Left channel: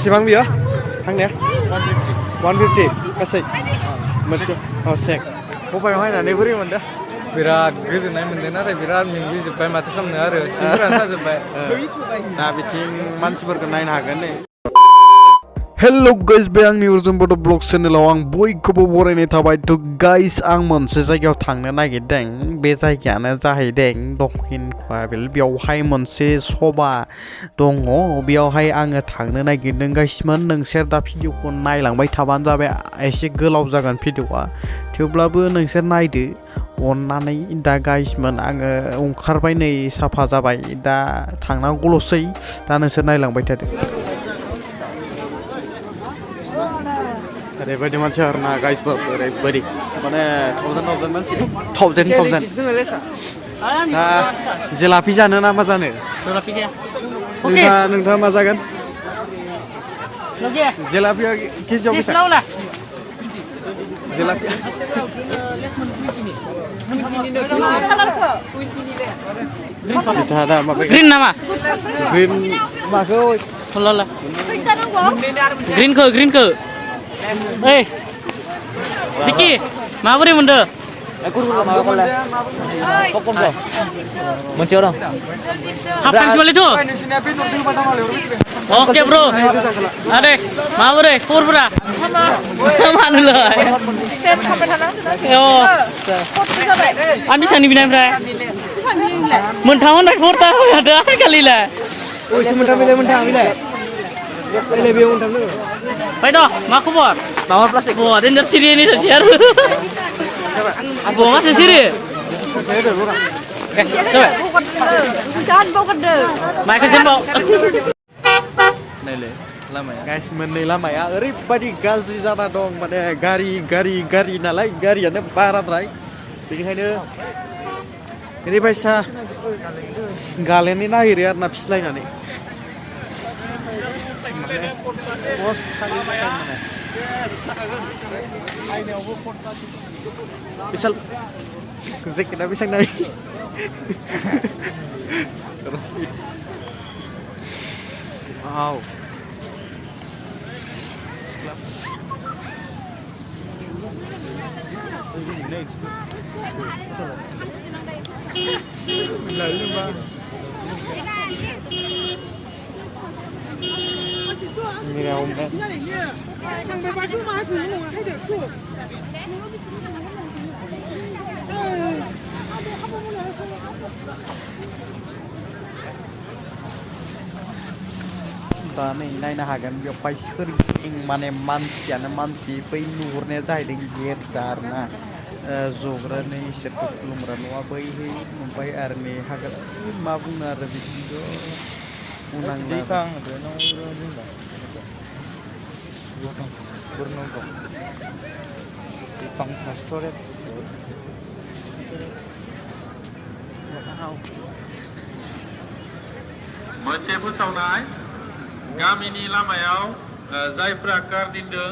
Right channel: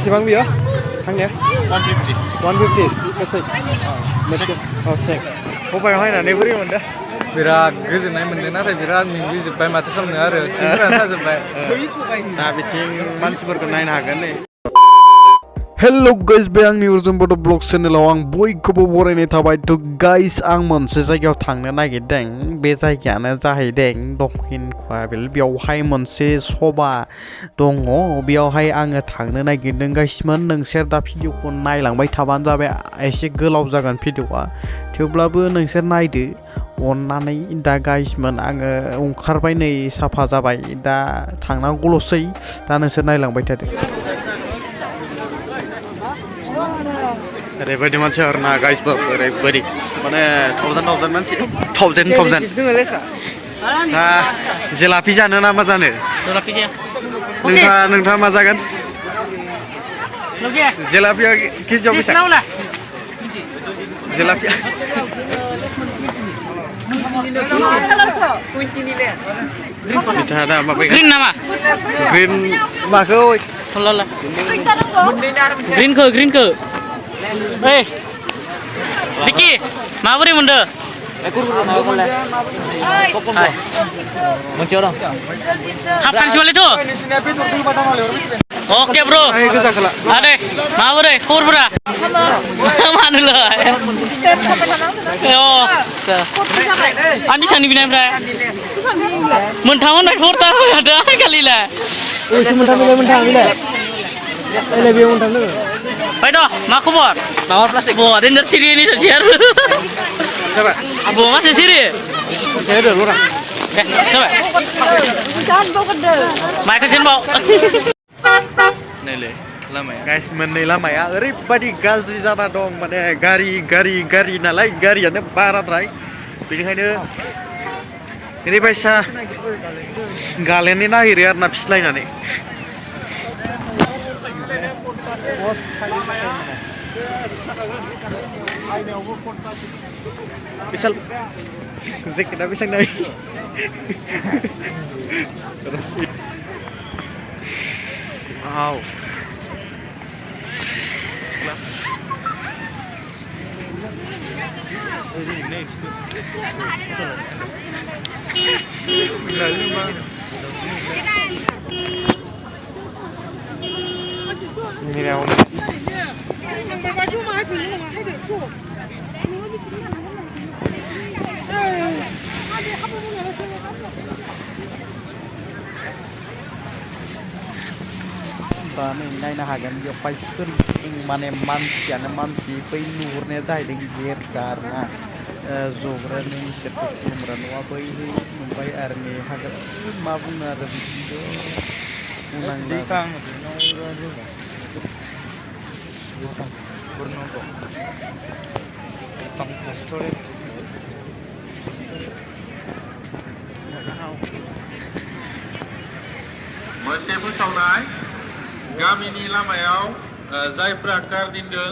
बेसेबां बियो थांनाया 150 गासै मोनसे सेक खबायाव हायनानै बोरै मोनदों बिराद गोजोननाय मोनदों नाथाय बिराद मेंग्लिजोब्बाय माथो खालामनो आरो सिंफोरा साजोब्बाय दा बिथिं मानसिफोरखौ नायनो हागोन नै हेल' गाइस बे आंनि अर्जुन बड' ब्लग चेनेलाव आं बयखौबो बरायनाय थाबाय थ' गाइस आं मोनसे जायगायाव थांनो नागिरदों बे जायगायानो जाहैदों दक्षिण काबिल बेयावहाय मोनसे सभा दङ बेयावहाय आङो थांनो नागिरदों गाइसमोन नोंसोर दा भिडिअखौ नायलांबाय थाबानो जाबाय एसे गोलाव जागोन भिडिअआ थेवब्लाबो नोंसोर नायदो अननानै दा गाइसमोन आङो ओंखारबाय नै साफा जाबाय दा थांनांगौल'सै दा नोंसोर नायलांबाय थादो ओरैबायदि मानसि आरोना गाइसफोर ओरैबायदि माने थावजेन मानसि थावजेन दा जेलापि जानो ना मा जानो नोंथाङा मा जागोन जेलापिया केजियाव बेसेबां जेलापिया बिथाङा दा माबा ग्रिन माखौ ग्रिनखौ ओइ दिकी माबोरै मोनदों मोनसेयाव दं हाफ फानसिबालैथ' अके ब्र आदे माबोरै खबरफोरा मानोलाय आं बेसेबांनि बिनायनिफ्राय मोनथाम होननाय खबरथा होदो आखालिलाय Phải đó, mà không bỏ. Đó plastic. Bỏ đến đất Syria đi thật chết. Bỏ mắt đến Syria. Sẽ được luôn à? Ok, sao vậy? Chân bao con đời. Mai cái chân bao. Này lệ, लामाया guys मोननै लामाया ओरैबायदि गाज्रि जाना दं माने गारि नालाय गारियानो बाराद्राय बेनिखायनो ओरैबायसा गालेननो नागिरो आरोना फिस्लायनानै Misal kita bisa naik. Wow. Sekelas. Mira om. दा नै नायनो हागोन बेवहाय सोरगिदिं माने मानसियानो मानसि बै नुहुरनाया जाहैदों गिर्जा आरोना जग्रा नै इसोरखौ खुलुमग्रा न'आ बैहै ओमफ्राय आरो नै हागोन मा बुंनो आरो बिदिथ' बुंनांला मोनसे फोसावनाय गामिनि लामायाव जायफ्रा कार दोनदों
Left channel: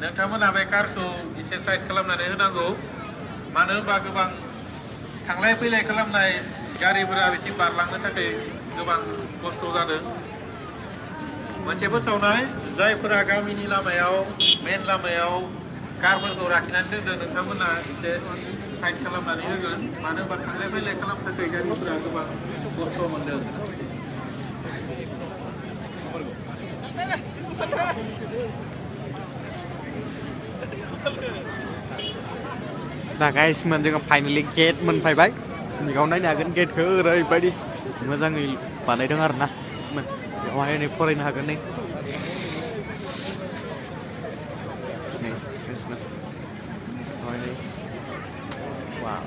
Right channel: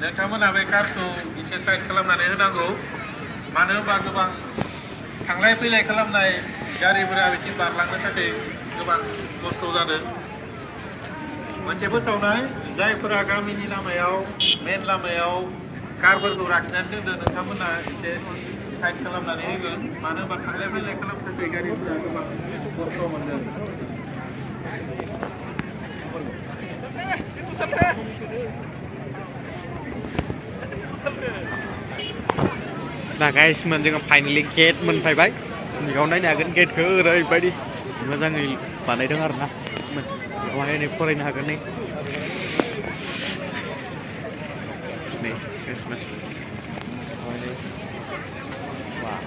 नोंथांमोना बे कारखौ एसे साइड खालामनानै होनांगौ मानो होनबा गोबां थांलाय फैलाय खालामनाय गारिफोरा बिदि बारलांनो थाखाय गोबां खस्थ' जादों मोनसे फोसावनाय जायफोरा गामिनि लामायाव मेन लामायाव कारफोरखौ लाखिनानै दोनदों नोंथांमोना एसे साइड खालामनानै होगोन मानो होनबा थांलाय फैलाय खालामनो थाखाय गारिफोरा गोबां खस्थ' मोनदों दा गाइसमोन जोङो फाइनालि गेट मोनफैबाय बेयाव नायनो हागोन गेटखौ ओरैबायदि मोजाङै बानायदों आरोना बेवहाय नै फरायनो हागोन नै गाइसमोन वाव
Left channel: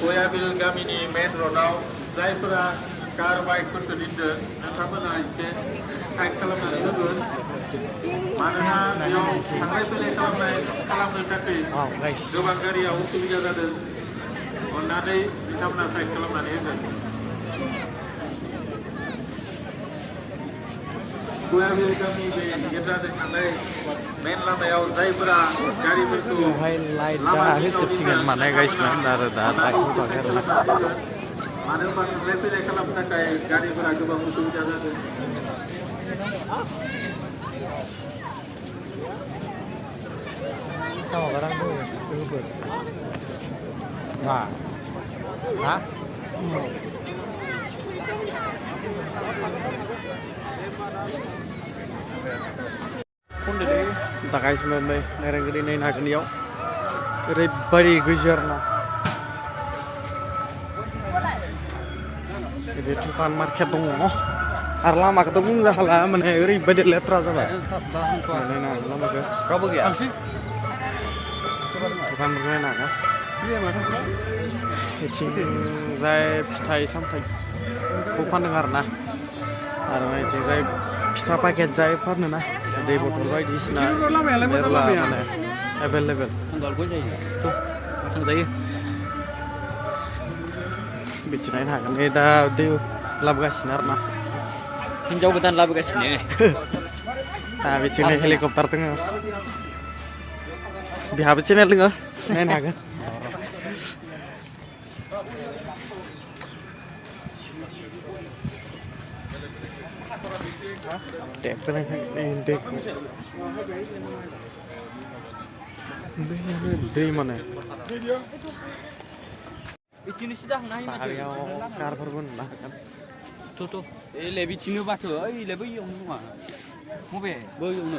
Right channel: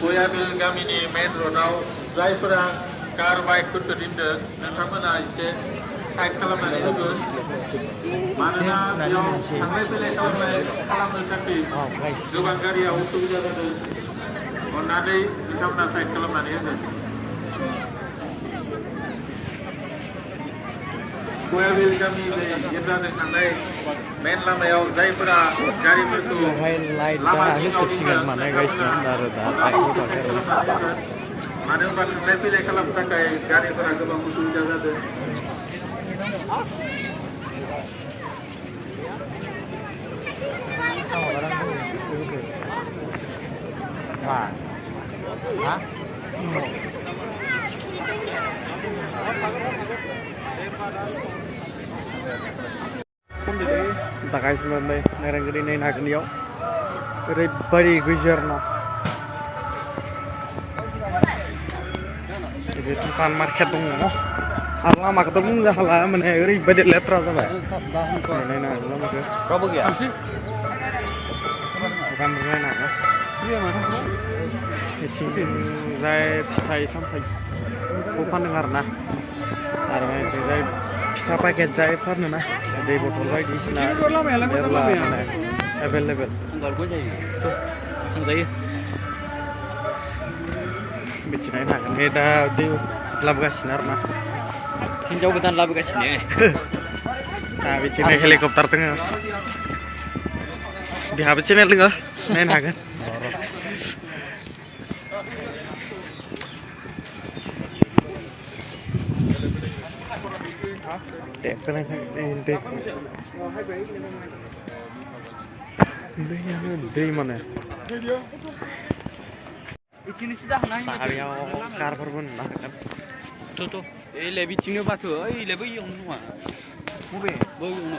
गयाबिल गामिनि मेन र'डआव जायफोरा कार बाइकफोरखौ दोनदों नोंथांमोना एसे साइड खालामनानै होगोन मानोना बेयाव थांलाय फैलाय खालामनो थाखाय गोबां गारियाव उसुबिदा जादों अन्नानै बिथांमोना साइड खालामनानै होगोन गयाबिल गामिनि गिर्जाजों थांनाय मेन लामायाव जायफोरा गारिफोरखौ बेवहाय लाइटआ होजोबसिगोन माने गाइसमोन आरो दा लाइट होथ'वाखै आरो ना मानो होनबा थांलाय फैलाय खालामनो थाखाय गारिफोरा गोबां उसुबिदा जादों दा गाइसमोन नै नायरांगिरि नायनो हागोन इयाव ओरैबायदि गैजो आरो ना बे दखान मार्केट दङ आरो लामाखौथ' बुंनो हाला माने ओरैबायदि लेथ्रा जाबाय नायनो हागोन लामाखौ रावबो गैया दखानफोर नायनो हागोन बिथिंजाय फिथाइ सामथाइखौ फानदों आरो ना आरो बिथिंजाय फिथा पाकेट जाय फानो ना दै बथल बायदिसिना मेरला माने एभेलेबेल थांजायो बिथिं नायनो हागोन दा दै लाबोगासिनो आरो ना हिन्जाव गोदान लाबोगासिनो दा बिथिंनो हेलिकप्टार दङ बिहाबो चेनेल दङ नायनो हागोन दै माने बारियाव कारफोरबो नुनो हागोन ओइलाय बिथिंनो माथो ओइलाय बैयावनो नङा बबे बैयावनो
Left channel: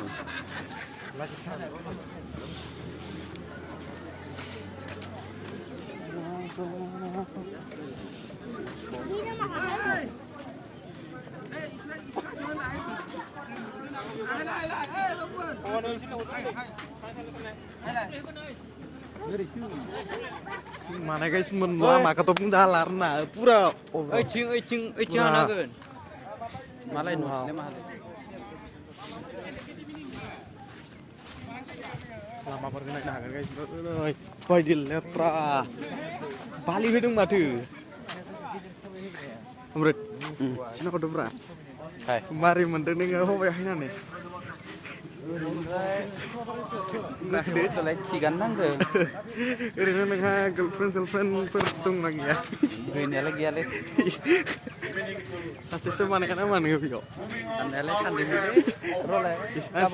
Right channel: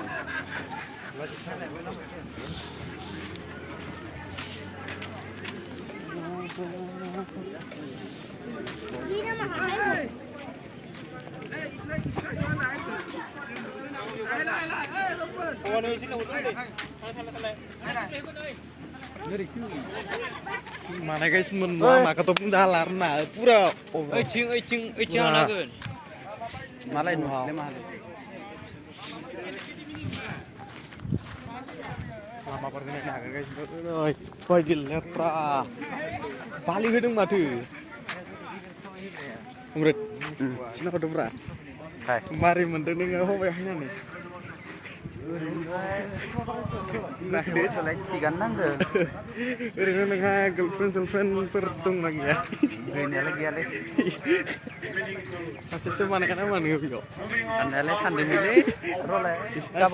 mana guys lama ketemu dalar nah pura oiting anakeun malai nu lama perkenalan nah guys bayi letra Bali hidung mati Amrit sini kau debra mari mendengar nggak hobinya nih nah deh cigan nangge ini nengah girlfriend pertung lagi ya ini lagi ale masih semana kan aman nih yo andale sandi ini role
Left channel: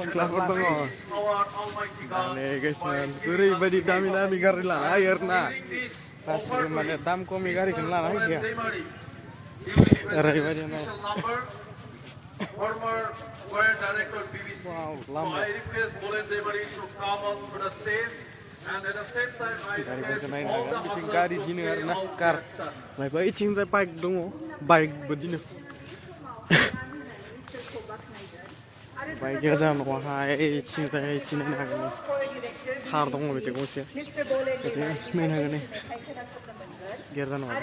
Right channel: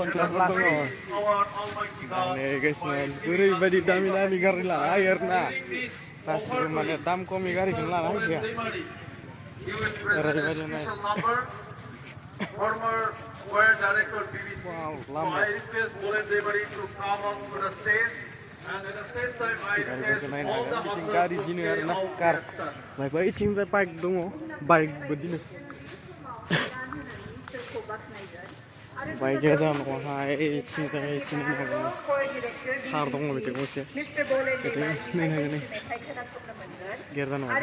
kelapor dong aneh guys man uri badi dami garila air nah pas mana dam komi gari kenal aja ya uri badi mana former choir director BBC. Wow, So I request Mulan Devari to come on to the stage, and at the same time I Gari berkenain agak bikin gari sini karena kar baik cing saya bike dong bike begini baik aja nih hai cing saya cing agak har dong betul sih jadi main agak nih gerdan wah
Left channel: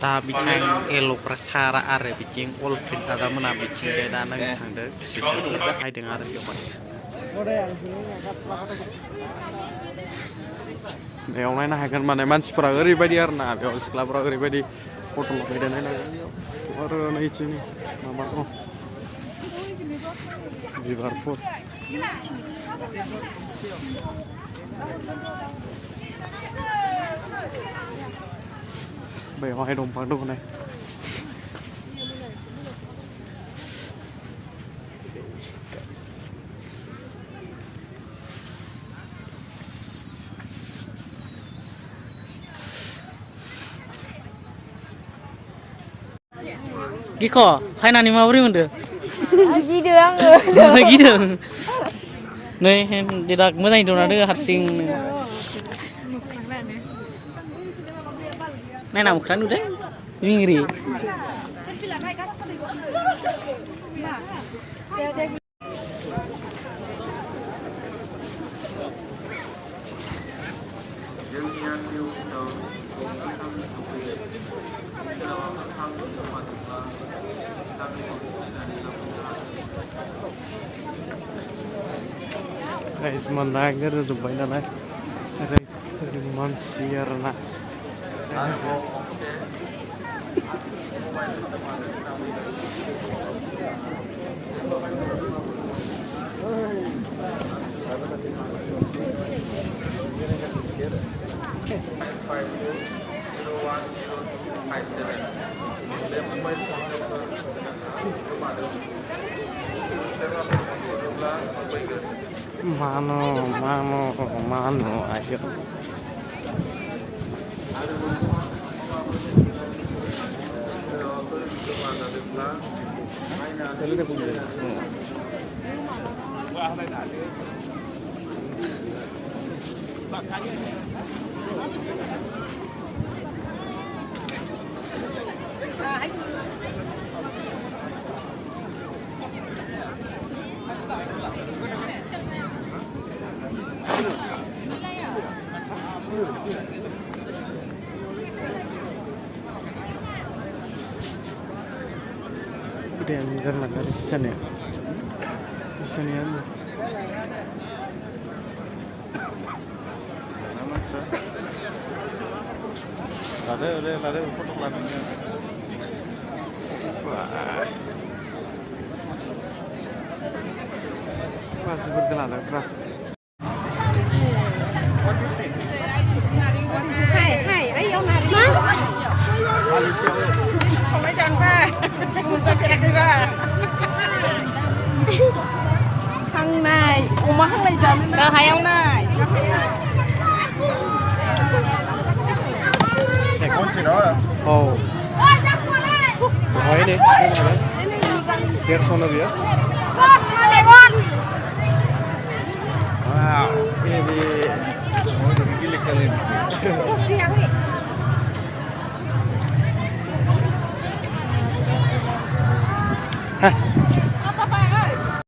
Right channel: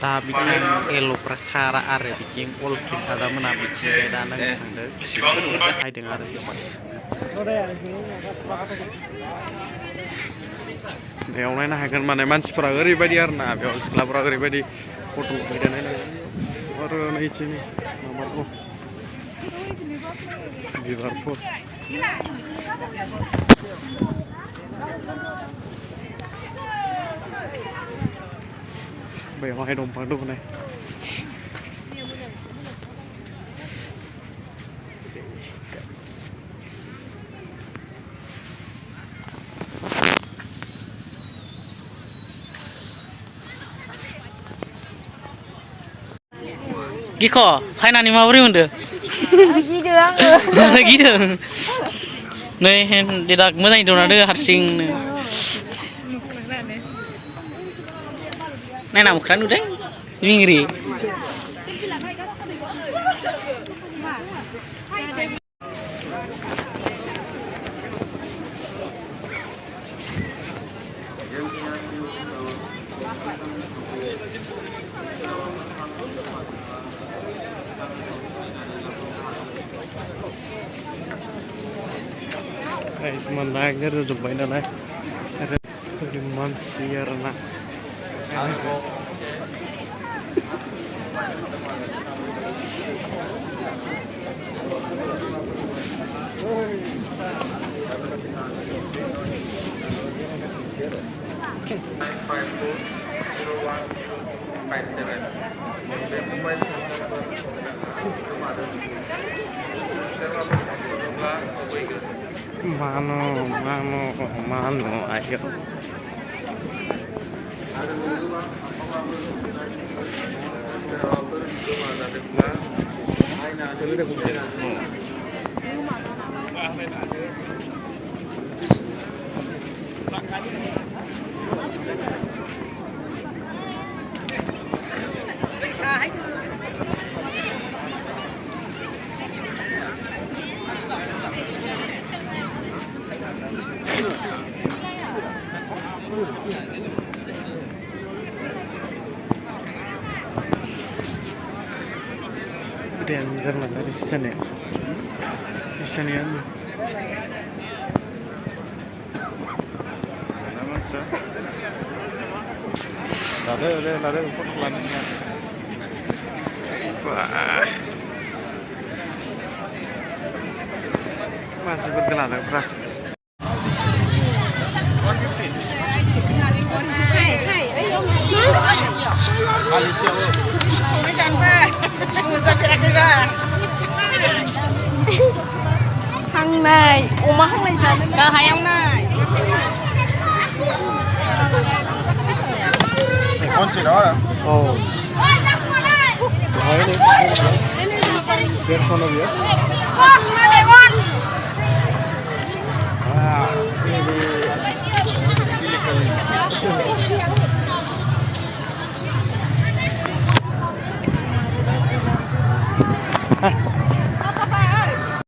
dah bikin elo prasara are bikin olfin ada mana bikin kayak dana yang ada hai dengar bikin बेयाव नायनो हागोन माने मानसिफोरा ओरैबायदि आरो ना बेयाव सिख्लाफोरा ओरैबायदि फट' लाफैदो नायनो हागोन आरो नैथिनि माबा दं बिबारफोर बेवहाय दंफां दं नै Giko, fainani maburi mondo. Gideng. Gideng. Nei tidak moजां dong ada harsing. Nei namu kan udah? Mingri. guys menanggar udah banyak lah dari manusia nak Mano, ayo. Danger mana di sana? Di sana ya. Mana maksa? Lalu untuk plannya. Wah. Masih bergelanang, Bro. Malaysia. Hang này, oma hang này chả nên hai hang này. Để con chỉ đó là Oh. Hỏi đi, cái này. Kia son of you.